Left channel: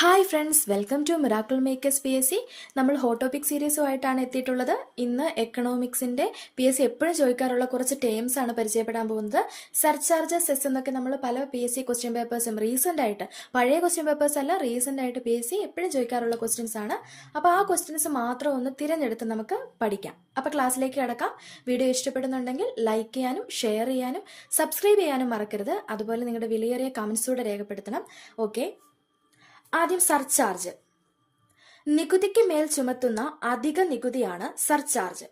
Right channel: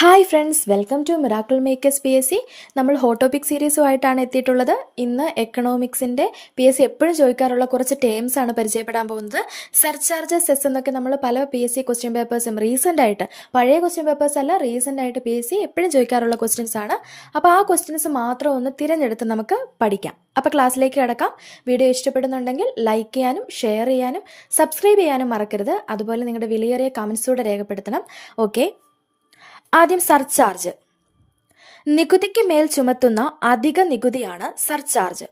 Hi friends welcome to miracle makers P S C നമ്മൾ hot സീരീസുമായിട്ടാണ് എത്തിയിട്ടുള്ളത്. ഇന്ന് എക്കണോമിക്സിന്റെ പി എസ് സി എപ്പോഴും ചോദിക്കാറുള്ള കുറച്ച് ടേംസ് ആണ് പരിചയപ്പെടാൻ പോകുന്നത്. സർചാർജ് എസ് എന്നൊക്കെ നമ്മൾ പല പി എസ് സി ക്വസ്റ്റ്യൻ പേപ്പേഴ്സും റീസെന്റ് ആയിട്ട് പഴയ ക്വസ്റ്റ്യൻ പേപ്പേഴ്സ് അല്ല റീസെന്റ് ആയിട്ട് പി എസ് സി എപ്പോഴും ചോദിക്കാറുള്ള ക്വസ്റ്റ്യൻസ് ആണ്. അപ്പോൾ ആ ക്വസ്റ്റ്യൻസ് മാത്രം ഒന്ന് തിരഞ്ഞെടുത്ത് നമുക്ക് പഠിക്കാം. അപ്പോൾ ക്ലാസ്സിലേക്ക് കിടക്കാം. വീഡിയോ ഇഷ്ടപ്പെടുന്നുണ്ടെങ്കിൽ ലൈക്ക് ചെയ്യാനും ഷെയർ ചെയ്യാനും സബ്സ്ക്രൈബ് ചെയ്യാനും മറക്കരുത്. അതുപോലെ നിങ്ങളുടെ വിലയേറിയ കമൻസൂടെ രേഖപ്പെടുത്തണം. ഓക്കെ ആദ്യം സർചാർജ്. നികുതിക്ക് മേൽ ചുമത്തുന്ന അധിക നികുതിയാണ് സർചാർജ്.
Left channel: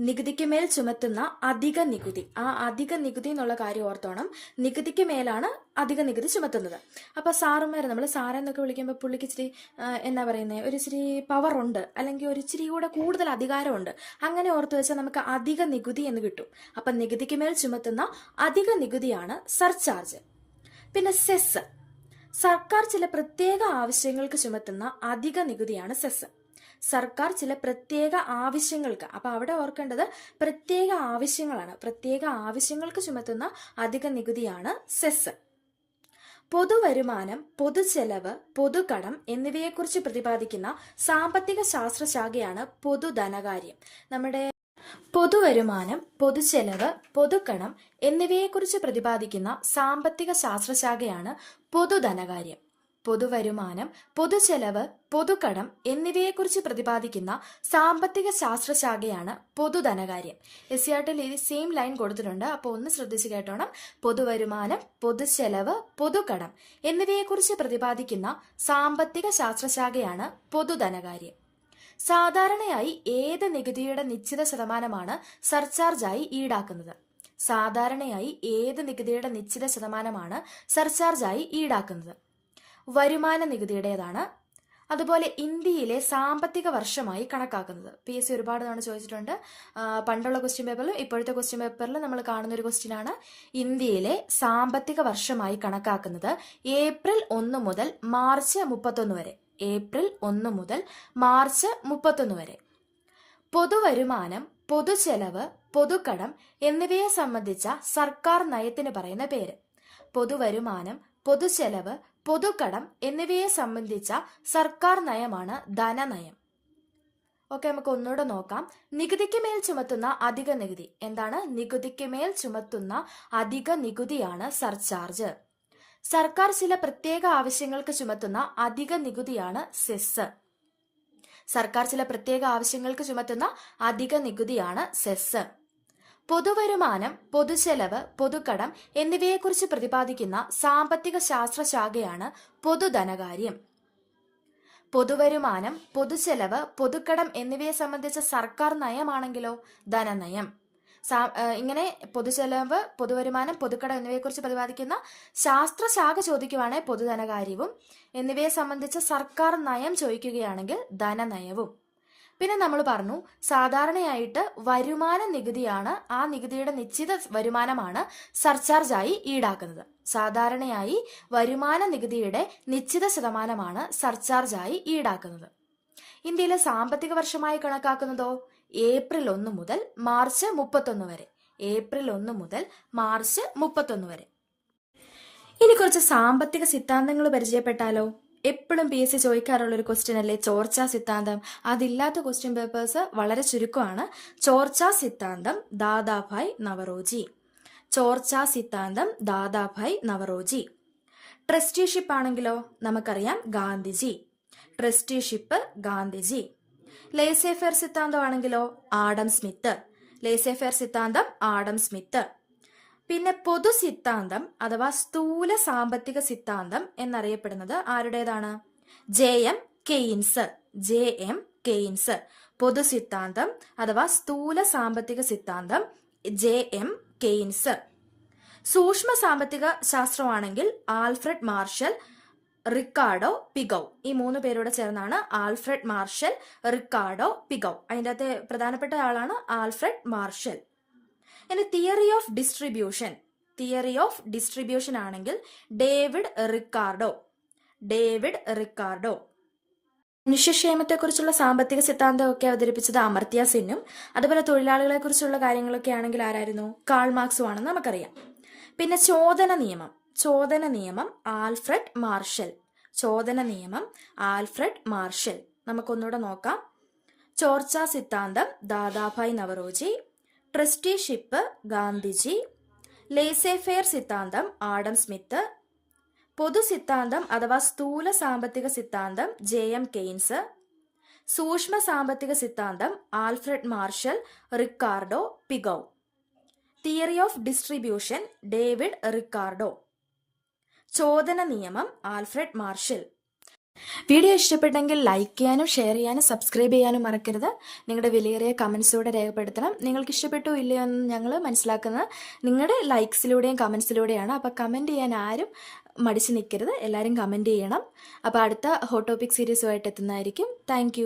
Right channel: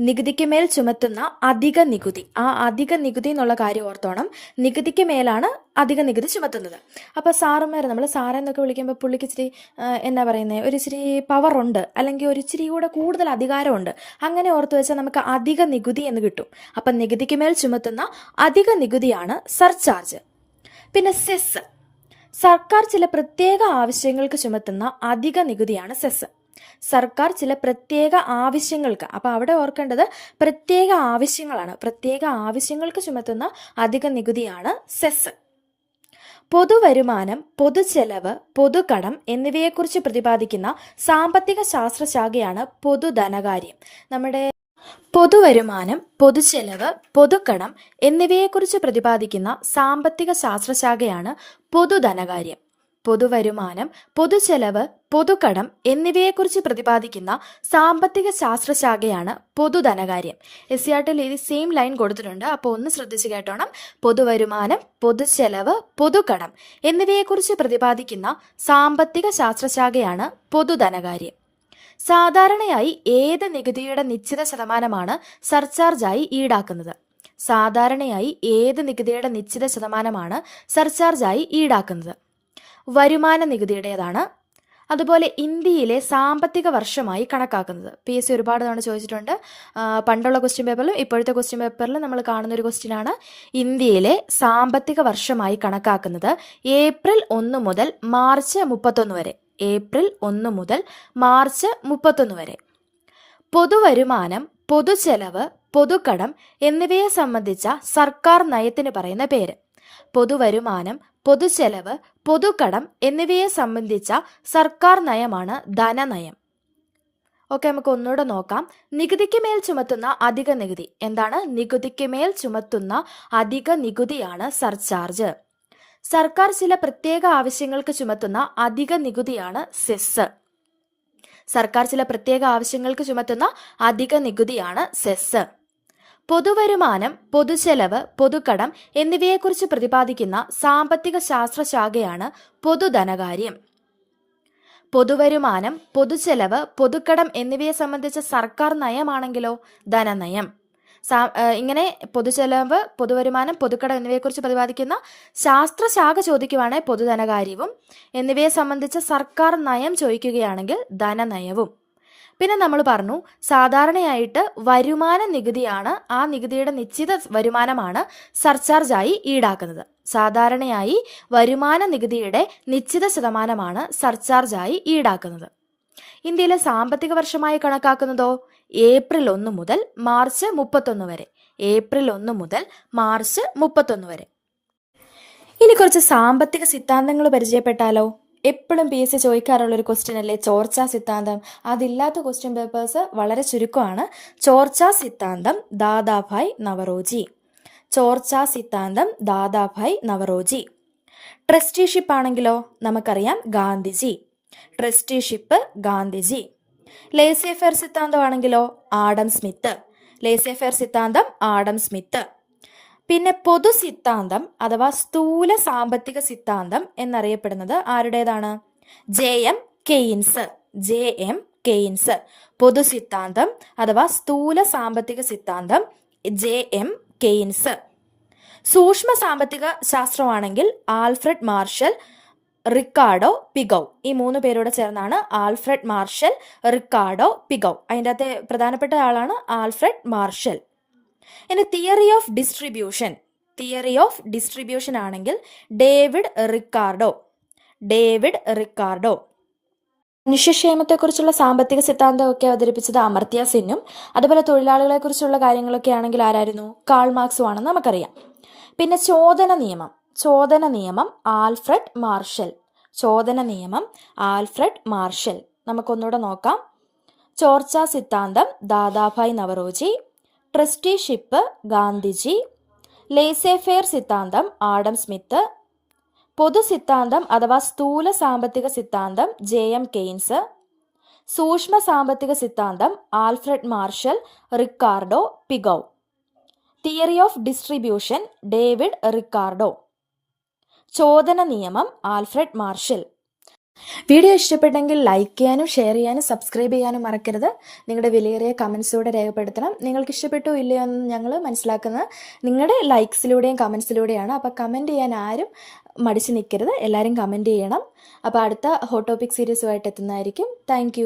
നികുതിക്ക് മേൽ ചുമത്തുന്ന അധിക നികുതി. ആ അധിക നികുതി എന്നുള്ള കാര്യം ഓർത്തോണം. നികുതിക്ക് മേലാണ് അധിക നികുതി ചുമത്തുന്നത്. അപ്പോൾ സാറുമാർ നമ്മൾ സാറെന്നൊക്കെ വിളിക്കുമ്പോൾ പുള്ളിക്ക് ഇച്ചിരി എന്താ പറയുന്നത് ഒരു ഇച്ചിരി പവർ ഉണ്ട്. അല്ലെങ്കിൽ ഒരു ഇച്ചിരി കൂടെ കൂടുതൽ അധികാരമുണ്ട്. അങ്ങനെ ഓർത്ത് വെച്ചാൽ നമുക്ക് അധിക നികുതി എന്ന് കിട്ടും. അപ്പം നികുതിക്ക് മേൽ ചുമത്തുന്ന അധിക നികുതിയാണ് സർചാർജ്. പിന്നെ സെസ് സർക്കാർ ചില പ്രത്യേക ആവശ്യങ്ങൾക്ക് ചുമത്തുന്ന അധിക നികുതിയാണ് സെസ്. സർക്കാർ ചില പ്രത്യേക ആവശ്യങ്ങൾക്ക് അപ്പോൾ അവിടെ ഓർക്കേണ്ടത് പ്രത്യേക ആവശ്യങ്ങളാണ്. പ്രത്യേക ആവശ്യങ്ങൾക്ക് ചുമത്തുന്ന അധിക നികുതിയാണ് സെസ്. പൊതുവരുമാനം പൊതുചെലവ് പൊതുകടം എന്നിവയെക്കുറിച്ച് പ്രതിപാദിക്കുന്ന സാമ്പത്തിക ശാസ്ത്രശാഖയാണ് പൊതുധനകാര്യം. നമ്മുടെ പൊതുവരുമാനം പൊതുചെലവ് പൊതുക്കടം എന്നിവയെക്കുറിച്ച് പ്രതിപാദിക്കുന്ന സാമ്പത്തിക ശാസ്ത്രശാഖയാണ് പൊതുധനകാര്യം. പൊതുവരുമാനം പൊതുചെലവ് പൊതുക്കടം എന്നിവയെക്കുറിച്ച് പ്രതിപാദിക്കുന്ന സാമ്പത്തിക ശാസ്ത്രശാഖയാണ് പൊതുധനകാര്യം. എസ് സി ആർ ടിയിൽ സെയിം ലൈൻ കൊടുത്തിട്ടുണ്ട്. അപ്പോൾ ഒന്ന് ശ്രദ്ധിച്ച് കേട്ടോണം. പൊതുവരുമാനം പൊതുചെലവ് പൊതുക്കടം എന്നിവയെക്കുറിച്ച് പ്രതിപാദിക്കുന്ന സാമ്പത്തിക ശാസ്ത്രശാഖയാണ് പൊതുധനകാര്യം. സാധാരണയായി ഏത് നികുതിയുടെ നിശ്ചിത ശതമാനമാണ് സർചാർജായി ഈടാക്കുന്നത്? സാധാരണയായി ഏത് നികുതിയുടെ നിശ്ചിത ശതമാനമാണ് സർചാർജായി ഈടാക്കുന്നത്? വരുമാന നികുതിയുടേതാണ്. അതുപോലെ ഇന്ത്യയിലെ സാമ്പത്തിക വർഷമായി കണക്കാക്കുന്നത്. പി എസ് സി ഒരുപാട് തവണ ചോദിച്ചിട്ടുണ്ട്. പണ്ടുള്ള ക്വസ്റ്റ്യൻ പേപ്പറിലും ഇപ്പോഴത്തെ ക്വസ്റ്റ്യൻ പേപ്പറിലും നമ്മൾ കാണുന്ന ഒരു ക്വസ്റ്റ്യൻ ആണ്. ഇന്ത്യയിലെ സാമ്പത്തിക വർഷമായി കണക്കാക്കുന്നത് ഏപ്രിൽ ഒന്ന് മുതൽ മാർച്ച് മുപ്പത്തൊന്ന് വരെ. ഏപ്രിൽ ഒന്ന് മുതൽ മാർച്ച് മുപ്പത്തൊന്ന് വരെ. പൊതുവരുമാനം പൊതുചെലവ് പൊതുക്കടം എന്നിവയെ സംബന്ധിച്ച സർക്കാർ നയത്തിന് പറയുന്ന പേര്. പൊതുവരുമാനം പൊതുചെലവ് പൊതുക്കടം എന്നിവയെ സംബന്ധിച്ച സർക്കാർ നയമാണ് ധനനയം. ഓക്കെ നമുക്ക് ഒന്നുകൂടെ നോക്കാം. നികുതിക്ക് മേൽ ചുമത്തുന്ന അധിക നികുതി. എന്താണ്? നികുതിക്ക് മേൽ ചുമത്തുന്ന അധിക നികുതിയാണ് സർചാർജ്. സർക്കാർ ചില പ്രത്യേക ആവശ്യങ്ങൾക്ക് ചുമത്തുന്ന അധിക നികുതിയാണ് സെസ് സർക്കാർ ചില പ്രത്യേക ആവശ്യങ്ങൾക്ക് ചുമത്തുന്ന അധിക നികുതിയാണ് സെസ് പൊതുവരുമാനം പൊതുചെലവ് പൊതുക്കടം എന്നിവയെക്കുറിച്ച് പ്രതിപാദിക്കുന്ന സാമ്പത്തിക ശാസ്ത്ര ശാഖയാണ് പൊതുധനകാര്യം. പൊതുവരുമാനം പൊതുചെലവ് പൊതുക്കടം എന്നിവയെ സംബന്ധിച്ച സർക്കാർ നയമാണെങ്കിലോ ധനനയം. ഇങ്ങനെ പൊതുചെലവ് പൊതുവരുമാനം പൊതുക്കട എന്നിവയെക്കുറിച്ച് പ്രതിപാദിക്കുന്ന ശാസ്ത്രശാഖ ചോദിക്കുവാണെങ്കിൽ പൊതുധനകാര്യവും. എന്നിവയെ സംബന്ധിച്ച് സർക്കാർ നയം ചോദിക്കുകയാണെങ്കിൽ ധനനയവും. പിന്നെ നമ്മൾ പറഞ്ഞു സാധാരണയായിട്ട് വരുമാന നികുതിയാണ് ആ നികുതിയുടെ നിശ്ചിത വരുമാനമാണ് സർചാർജായി ഈടാക്കുന്നത്. സാധാരണയായി വരുമാന നികുതിയുടെ നിശ്ചിത ശതമാനമാണ് സർചാർജായി ഈടാക്കുന്നത്. ഇന്ത്യയിലെ സാമ്പത്തിക വർഷമായി കണക്കാക്കുന്നതോ? ഏപ്രിൽ ഒന്ന് മുതൽ മാർച്ച് മുപ്പത്തൊന്ന് വരെ. ഏപ്രിൽ ഒന്ന് മുതൽ മാർച്ച് മുപ്പത്തൊന്ന് വരെ. ഇനി കുറച്ച് സാമ്പത്തിക സിദ്ധാന്തങ്ങൾ പരിചയപ്പെട്ടാലോ? എപ്പോഴും പി എസ് സി ചോദിക്കാറുള്ളൊരു ക്വസ്റ്റ്യൻ അല്ലേ? ചോർച്ചാ സിദ്ധാന്തം. അതില്ലാത്ത ക്വസ്റ്റ്യൻ പേപ്പേഴ്സ് വളരെ ചുരുക്കമാണ്. ചോർച്ചാ സിദ്ധാന്തം ദാദാഭായ് നവറോജി. ചോർച്ചാ സിദ്ധാന്തം ദാദാഭായ് നവറോജി. ട്രസ്റ്റിഷിപ്പ് ആണെങ്കിലോ നമുക്കറിയാം Gandhiji. Trusteeship Gandhiji. Laissez സിദ്ധാന്തമാണെങ്കിലോ? Adam Smith. ലേസേഫെയർ സിദ്ധാന്തം ആഡം സ്മിത്ത്. പിന്നെ പൊതു സിദ്ധാന്തം അഥവാ സ്ഥൂല സാമ്പത്തിക സിദ്ധാന്തം എന്നറിയപ്പെടുന്നത് ആരുടേതാണ്? J M Keynes. J M Keynes. പൊതു സിദ്ധാന്തം അഥവാ സ്ഥൂല സാമ്പത്തിക സിദ്ധാന്തം ജെ എം കെയ്ൻസ്. സൂക്ഷ്മ സാമ്പത്തിക ശാസ്ത്രമാണെങ്കിൽ ആൽഫ്രഡ് മാർഷൽ റിക്കാർഡോ പിഗൗ. ഈ മൂന്ന് പേരോട് ചേർന്നാണ് ആൽഫ്രഡ് മാർഷൽ റിക്കാർഡോ പിഗൗ. അതിന്റെ അകത്തെ പ്രധാനപ്പെട്ട ആളാണ് ആൽഫ്രഡ് മാർഷൽ. ഇനി theory of distribution. Theory of distribution ആണെങ്കിൽ ഡേവിഡ് റിക്കാർഡോ. David Ricardo. മനുഷ്യക്ഷേമത്തെക്കുറിച്ചുള്ള സാമ്പത്തിക സിദ്ധാന്തമൊക്കെ അവതരിപ്പിച്ചത് അമർത്യ സെന്നും അതുപോലെ തൊഴിലാളികളെക്കുറിച്ചുള്ള കാര്യങ്ങളൊക്കെ ആണെങ്കിൽ ആരായിരുന്നു? കാൾ മാർക്സും ആണെന്ന് നമുക്കറിയാം. പിന്നെ ചോദന നിയമം. ചോദന നിയമം ആൽഫ്രഡ് മാർഷൽ. ചോദന നിയമം ആൽഫ്രഡ് മാർഷൽ. നമുക്കൊന്നുകൂടെ നോക്കാം. ചോർച്ച സിദ്ധാന്തം Dadabhai Naoroji. Trusteeship Gandhiji. Laissez faire സിദ്ധാന്തം ആഡം സ്മിത്ത്. പൊതു സിദ്ധാന്തം അഥവാ സ്ഥൂല സാമ്പത്തിക സിദ്ധാന്തം ജെ എം കെയ്ൻസ്. സൂക്ഷ്മ സാമ്പത്തിക സിദ്ധാന്തം Alfred Marshall Ricardo Pigou. Theory of distribution David Ricardo. ചോദന നിയമം ആൽഫ്രഡ് മാർഷൽ. വീഡിയോ ഇഷ്ടപ്പെട്ടെങ്കിൽ ലൈക്ക് ചെയ്യാനും ഷെയർ ചെയ്യാനും സബ്സ്ക്രൈബ് ചെയ്യാനും മറക്കരുത്. നിങ്ങളുടെ വിലയേറിയ കമൻസിലൂടെ രേഖപ്പെടുത്തണം. നിങ്ങൾക്ക് ഇഷ്ടപ്പെട്ടോ ഇല്ലയോ എന്ന് ഞങ്ങൾ മനസ്സിലാക്കുന്നത് നിങ്ങളുടെ ലൈക്സിലൂടെയും കമൻസിലൂടെയാണ്. അപ്പോൾ കമന്റ് ചെയ്യാൻ ആരും മടിച്ചു നിൽക്കരുത് എല്ലാവരും കമന്റ് ചെയ്യണം. അപ്പോൾ അടുത്ത ഹോട്ട് ടോപ്പിക് സീരീസുമായിട്ട് എത്തുന്നതായിരിക്കും. താങ്ക്